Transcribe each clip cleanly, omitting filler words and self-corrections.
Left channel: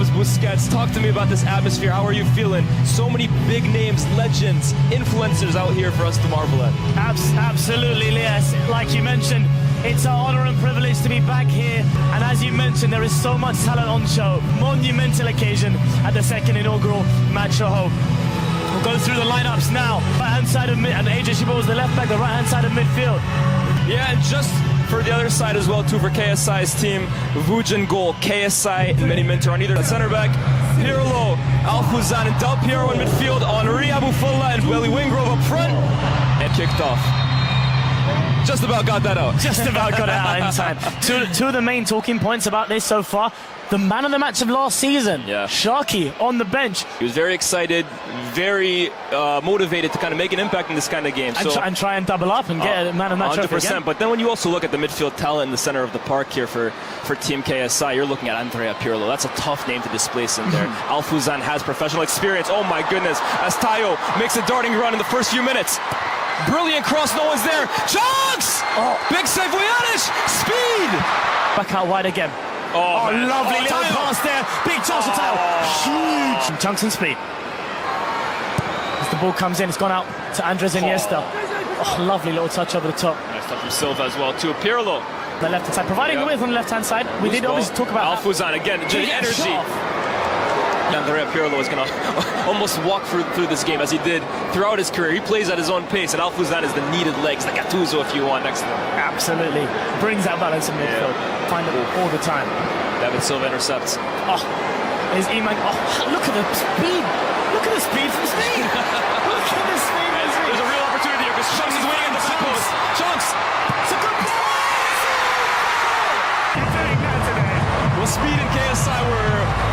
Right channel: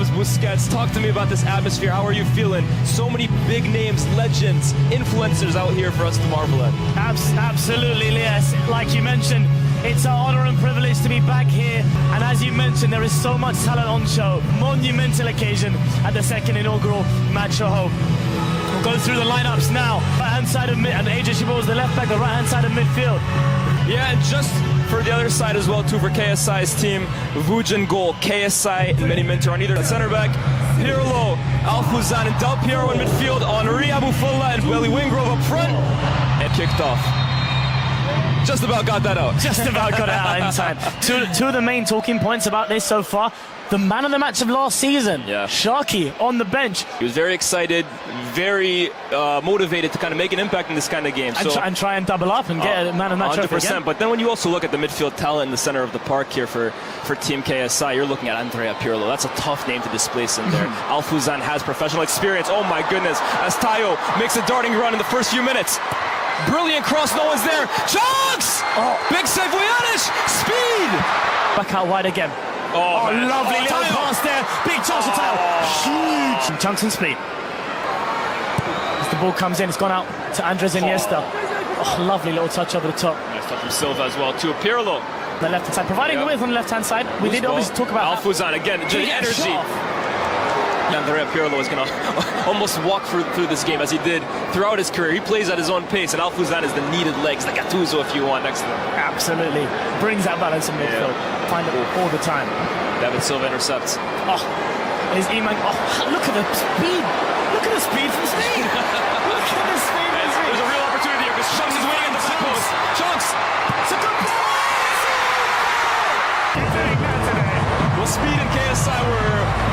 Gabs Busquets, talk to me about this atmosphere. How are you feeling? So many big names, legends, influencers out here for us to marvel at. Absolutely, yes. Like you mentioned, it's an honor and privilege to be back here. And as you mentioned, there is so much talent on show. Monumental occasion at the second inaugural Match for Hope. We'll go through the lineups now. Right-hand side of mid, and AJ Shibo is the left back, the right-hand side of midfield. Yeah, and just for the other side as well, too, for KSI's team, Vujan goal, KSI, Mini Minter on either center back, Pirlo, Alfuzan, and Del Piero in midfield, Henri Abufola and Billy Wingrove up front, and kicked off. Just about got that out. Just about got it out inside. Two of the main talking points about this so far. The man of the match of last season, Sharky, on the bench. He was very excited, very motivated to kind of make an impact in this kind of game. And try and double up and get a man of the match 100%. But then when you also look at the midfield talent in the center of the park here for Team KSI, you're looking at Andrea Pirlo. That's a tough name to displace in there. Alfuzan has professional experience. Oh my goodness. As Tayo makes a darting run in the first few minutes. Brilliant cross, no one's there. Chunkz! Big save, Vujanic! Speed! Back out wide again. Oh lovely little pass there. Big toss to Tayo. Huge. Chunkz and speed. As the ball comes in, it's gone out to Andres Iniesta. Lovely little touch over the top. Nice stuff from Silva as well, too. Pirlo. The left-hand side, providing width on the left-hand side. We did always talk about Alfuzan again, the energy. Andrea Pirlo is going to almost walk through this game as he did throughout his career. He plays at his own pace, and Alfuzan is the needed legs, like Gattuso if you want next to him. Absolutely. Brings that balance in midfield. Find it all the time. David Silva intercepts. There's Iman. Look at the speed. Look at the speed from Speed. Look at the speed. There's a real opportunity here because Chunkz is waiting on the post. Chunkz. It's a good ball. Well, Speed and KSI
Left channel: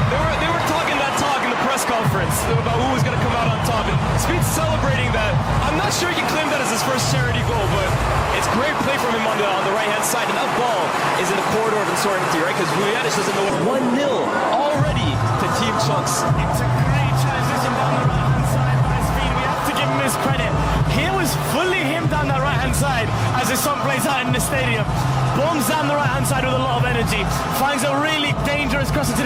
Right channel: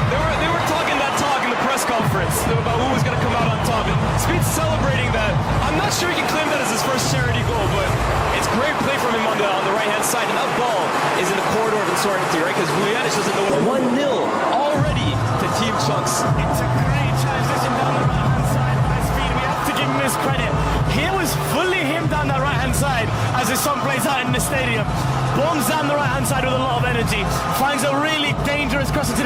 they were talking that talk in the press conference about who was going to come out on top. And Speed's celebrating that. I'm not sure he can claim that as his first charity goal, but it's great play from him on the right-hand side. And that ball is in the corridor of insolvency, right? Because Vujanic is in the 1-0 already to Team Chunkz. It's a great transition down the right-hand side by Speed. We have to give him his credit. Here was fully him down the right-hand side as the sun plays out in the stadium. Bombs down the right-hand side with a lot of energy. Finds a really dangerous crossing.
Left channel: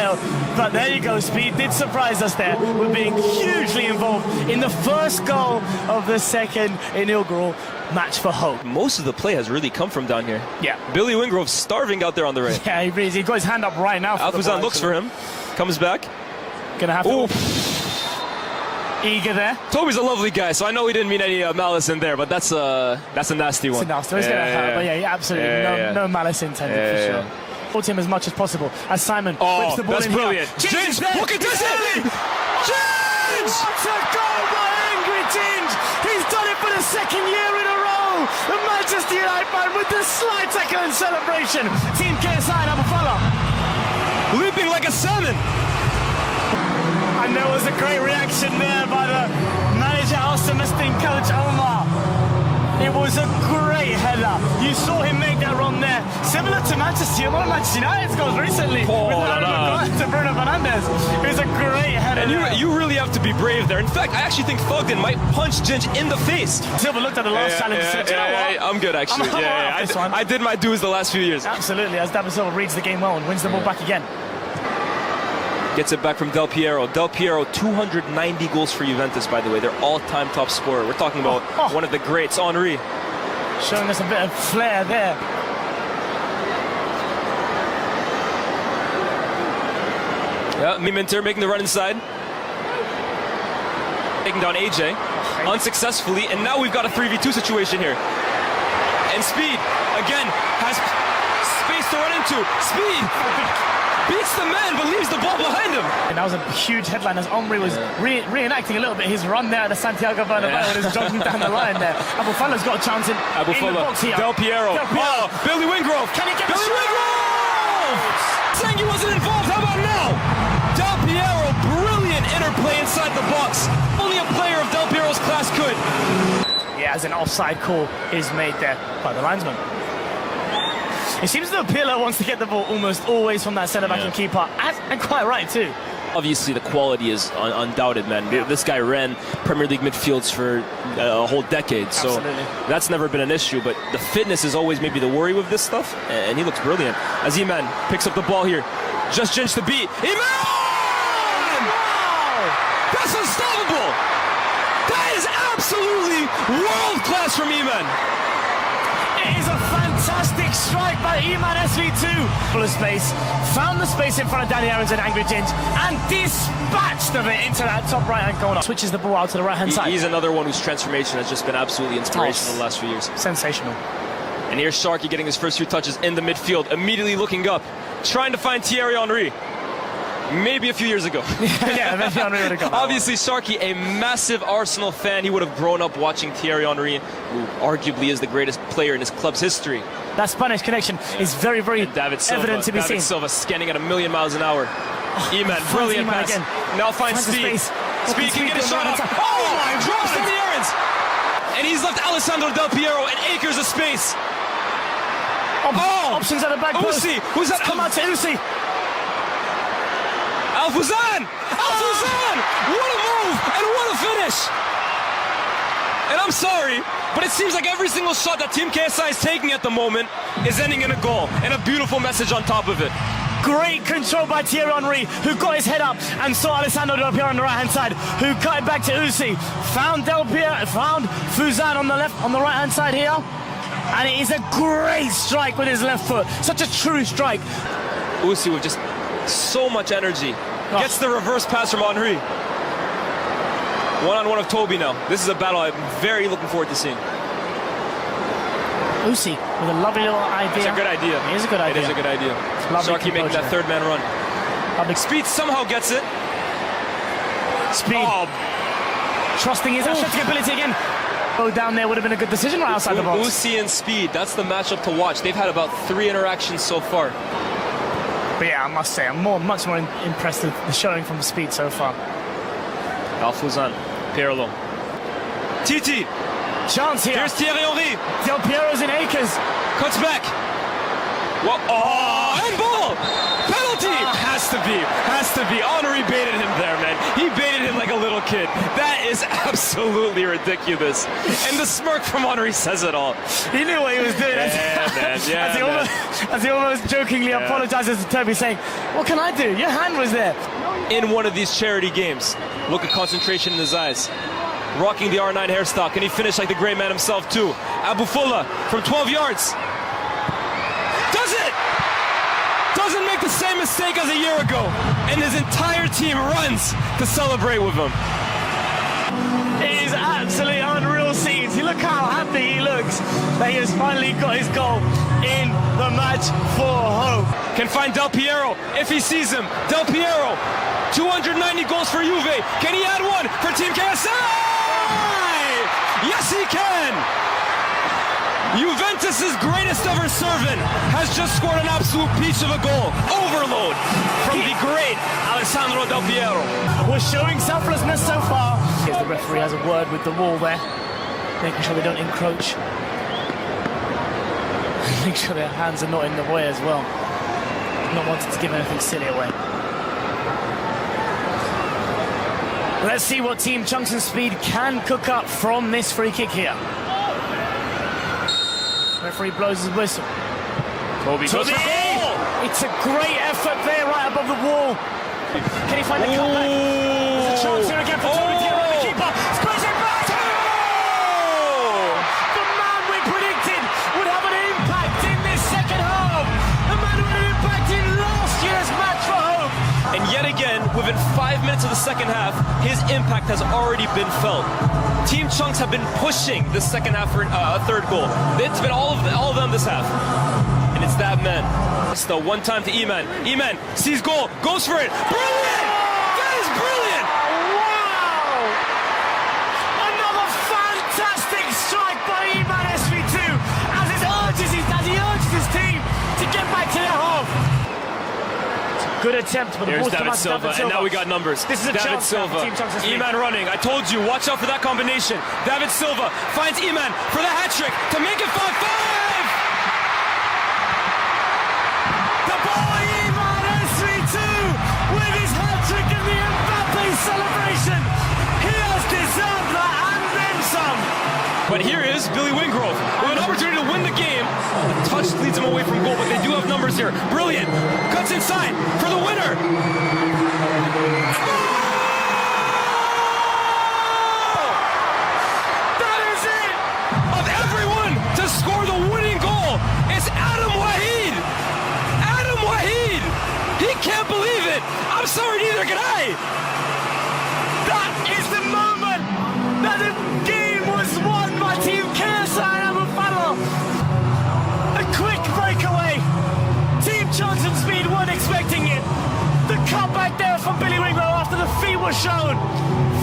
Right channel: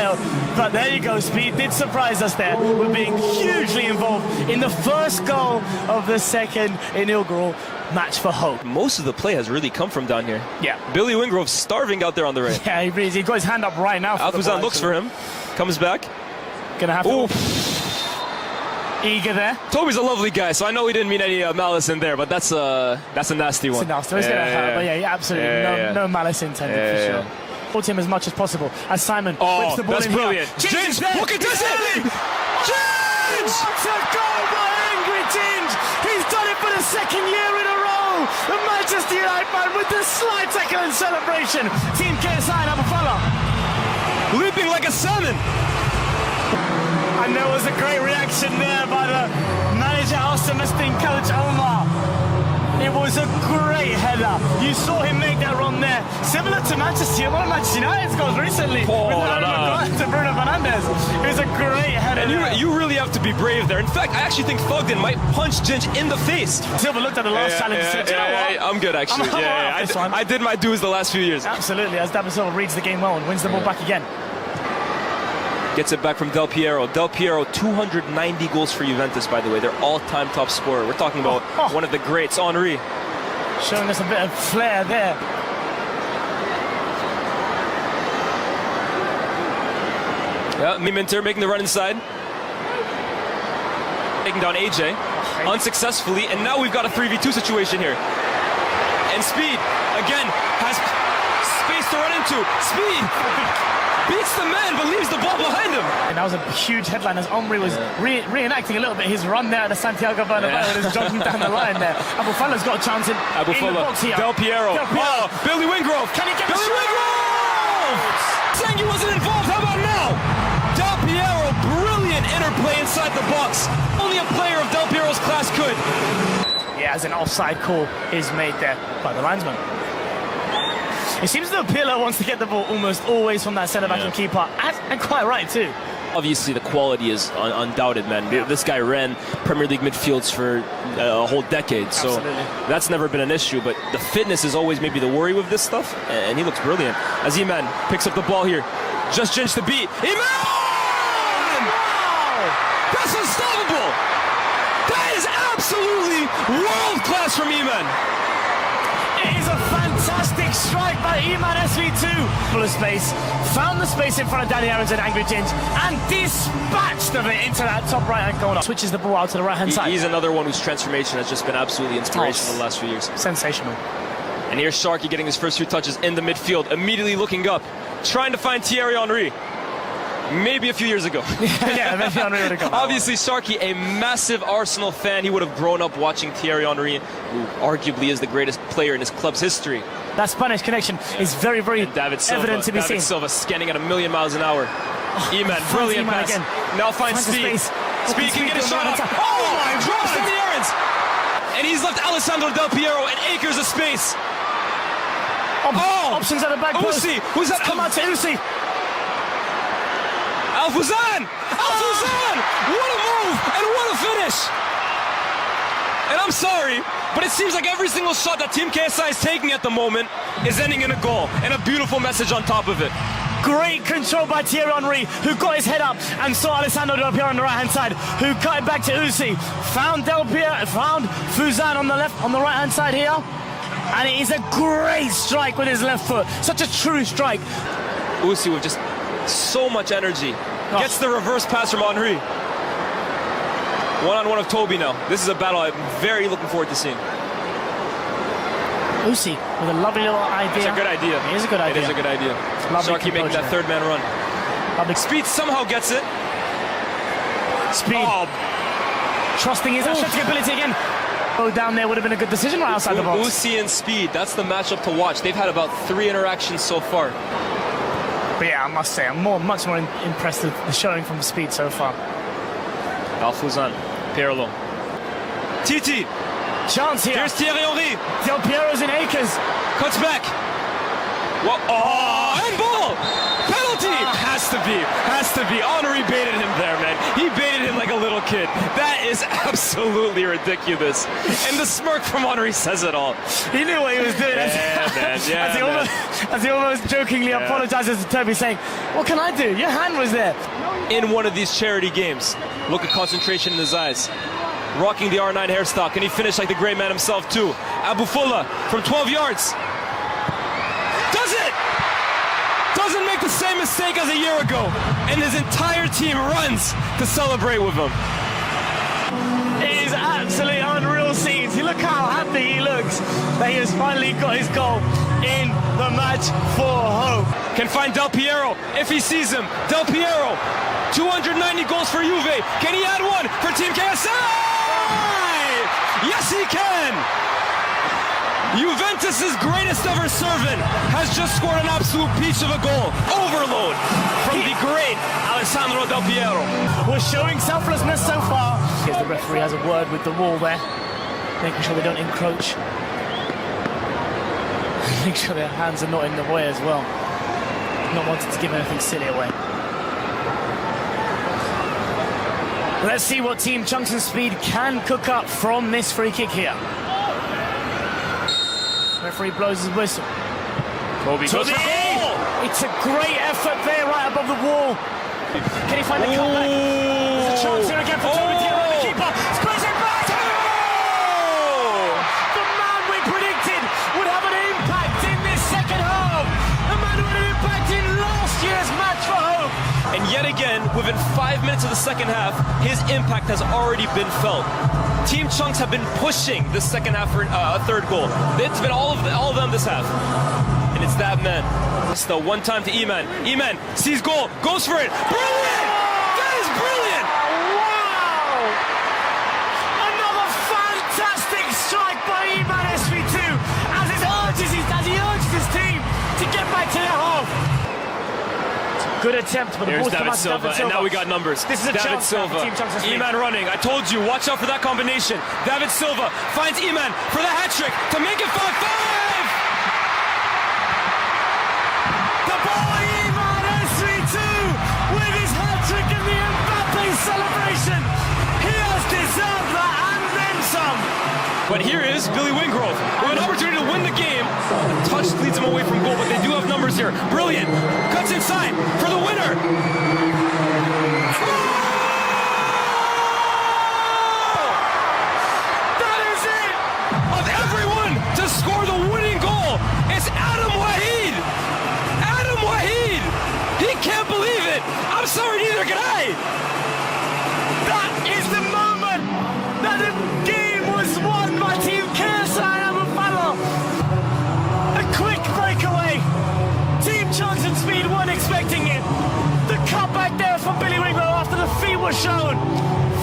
But there you go, Speed did surprise us there with being hugely involved in the first goal of the second inaugural Match for Hope. Most of the play has really come from down here. Yeah. Billy Wingrove starving out there on the right. Yeah, he is. He got his hand up right now. Alfuzan looks for him. Comes back. Gonna have to... Eager there. Toby's a lovely guy, so I know he didn't mean any malice in there, but that's a nasty one. It's a nasty one. But yeah, absolutely. No malice intended for sure. Support him as much as possible. As Simon puts the ball that's in brilliant. Here. James, look at this! James! It's a goal by Angry James! He's done it for the second year in a row! The Manchester United man with the slide tackle and celebration. Team KSI and Abufola leaping like a salmon. And there was a great reaction there by the manager, Al-Samestin coach Omar. It was a great header. You saw him make that run there. Similar to Manchester United's goals recently. To Bruno Fernandes. It was a great header. And you really have to be brave there. In fact, I actually think Fogden might punch Ginch in the face. Silva looked at the last challenge and said, you know what? I'm good, actually. I did my dues the last few years. Absolutely, as David Silva reads the game well and wins the ball back again. Gets it back from Del Piero. Del Piero, 290 goals for Juventus, by the way. They're all-time top scorer. We're talking about one of the greats, Henri. Showing us a bit of flair there. Yeah, Minter making the run inside. Taking down AJ. Unsuccessfully, and now we've got a 3v2 situation here. And Speed, again, has space to run into. Speed! Beats the man, but leaves the ball behind him. And that was a huge headline as Omri was reenacting a little bit his run there at the Santiago Bernabeu and he's jogging down the line there. Abufala's got a chance in the box here. Del Piero. Billy Wingrove. Can he get Billy Wingrove? Saying he wasn't involved. How about now? Del Piero, brilliant interplay inside the box. Only a player of Del Piero's class could. Yeah, as an offside call is made there by the linesman. It seems that Pirlo wants to get the ball almost always from that centre-back and keeper, and quite right too. Obviously, the quality is undoubted, man. This guy ran Premier League midfields for a whole decade, so that's never been an issue. But the fitness is always maybe the worry with this stuff, and he looks brilliant. As Iman picks up the ball here, just Ginch the beat. Iman! That's unstoppable! That is absolutely world-class from Iman! It is a fantastic strike by Iman SV2. Full of space, found the space in front of Danny Aarons and Angry James, and dispatched of it into that top right-hand corner. Switches the ball out to the right-hand side. He's another one whose transformation has just been absolutely inspirational the last few years. Sensational. And here's Sharky getting his first few touches in the midfield, immediately looking up, trying to find Thierry Henry. Maybe a few years ago. Yeah, maybe Henry would have gone. Obviously, Sharky, a massive Arsenal fan. He would have grown up watching Thierry Henry, who arguably is the greatest player in his club's history. That Spanish connection is very, very David Silva, evident to be seen. David Silva scanning at 1,000,000 miles an hour. Iman, brilliant Iman pass. again. Now finds Speed. Speed can get a shot off. Oh my God! From the errands. And he's left Alessandro Del Piero and acres of space. Options at the back post. Uzi, who's that? Come out to Uzi. Alfuzan! Alfuzan! What a move and what a finish! And I'm sorry, but it seems like every single shot that Team KSI is taking at the moment is ending in a goal, and a beautiful message on top of it. Great control by Thierry Henry, who got his head up and saw Alessandro Del Piero on the right-hand side, who cut it back to Uzi. Found Del Piero, found Fuzan on the right-hand side here. And it is a great strike with his left foot. Such a true strike. Uzi with just so much energy. Gets the reverse pass from Henry. One-on-one of Toby now. This is a battle I'm very looking forward to seeing. Uzi with a lovely little idea. It's a good idea. It is a good idea. It is a good idea. Sharky making that third man run. Speed somehow gets it. Speed. Trusting his athletic ability again. Go down there would have been a good decision right outside the box. Uzi and Speed, that's the matchup to watch. They've had about 3 interactions so far. But yeah, I must say, I'm much more impressed with the showing from Speed so far. Alfuzan, Pirlo. Titi. Chance here. Here's Thierry Henry. Del Piero's in acres. Cuts back. What? Oh, handball! Penalty! Has to be. Henry baited him there, man. He baited him like a little kid. That is absolutely ridiculous. And the smirk from Henry says it all. He knew what he was doing. As he almost jokingly apologizes to Toby, saying, "What can I do? Your hand was there." In one of these charity games, look at concentration in his eyes. Rocking the R9 hairstyle. Can he finish like the great man himself, too? Abufola from 12 yards. Does it! Doesn't make the same mistake as a year ago. And his entire team runs to celebrate with him. It is absolutely unreal scenes. You look how happy he looks that he has finally got his goal in the match for home. Can find Del Piero if he sees him. Del Piero, 290 goals for Juve. Can he add one for Team KSI? Yes, he can! Juventus' greatest ever servant has just scored an absolute piece of a goal. Overload from the great Alessandro Del Piero. We're showing selflessness so far. The referee has a word with the wall there, making sure they don't encroach. Make sure their hands are not in the way as well. Not wanting to give anything silly away. Let's see what Team Chunkz and Speed can cook up from this free kick here. Referee blows his whistle. Kobe goes for goal! It's a great effort there right above the wall. Can he find the comeback? There's a chance here again for Toby Thiago, the keeper. Sprays it back! The man we predicted would have an impact in this second half. The man who had an impact in last year's match for home. And yet again, within 5 minutes of the second half, his impact has already been felt. Team Chunkz have been pushing the second half for a third goal. It's been all of them this half. And it's that man. It's the one time to Iman. Iman sees goal, goes for it. Brilliant! That is brilliant! Wow! Another fantastic strike by Iman SV2 as he urges his team to get back to their half. Good attempt, but the ball's come out to David Silva. And now we got numbers. This is a David chance Silva. for Team Chunkz and Speed. Iman running. I told you, watch out for that combination. David Silva finds Iman for the hat trick to make it 5-5. The boy Iman SV2 with his hat trick in the Mbappe celebration. He has deserved that and then some. But here is Billy Wingrove with an opportunity to win the game. The touch leads him away from goal, but they do have numbers here. Brilliant. Cuts inside for the winner. Oh! off from Billy Winkler after the feet were shown.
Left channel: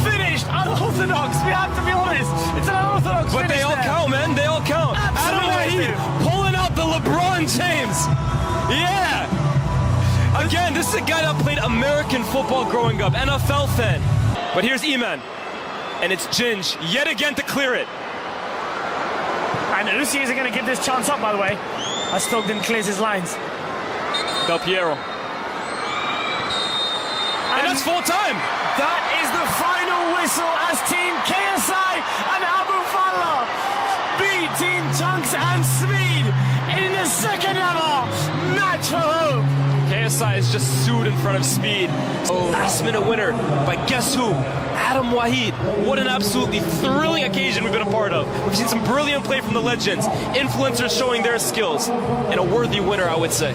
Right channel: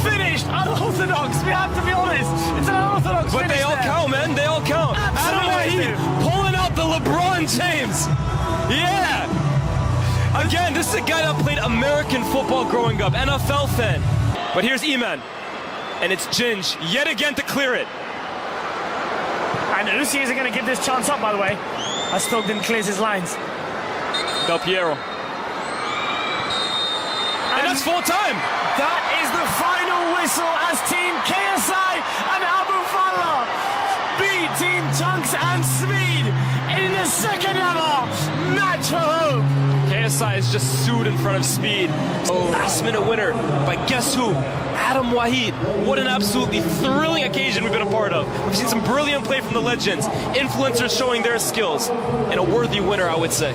Finished, unorthodox, we have to be honest. It's an unorthodox But they all count, man. They all count. Adam Wahid pulling out the LeBron James. Yeah. Again, this is a guy that played American football growing up, NFL fan. But here's E-Man. And it's Ginge yet again to clear it. And Uzi isn't going to give this chance up, by the way. As Stockton clears his lines. Del Piero. And that's full time. That is the final whistle as Team KSI and Abu Farah beat Team Chunkz and Speed in the second ever match for hope. KSI is just sued in front of Speed. Oh, last minute winner. But guess who? Adam Wahid. What an absolutely thrilling occasion we've been a part of. We've seen some brilliant play from the legends. Influencers showing their skills. And a worthy winner, I would say.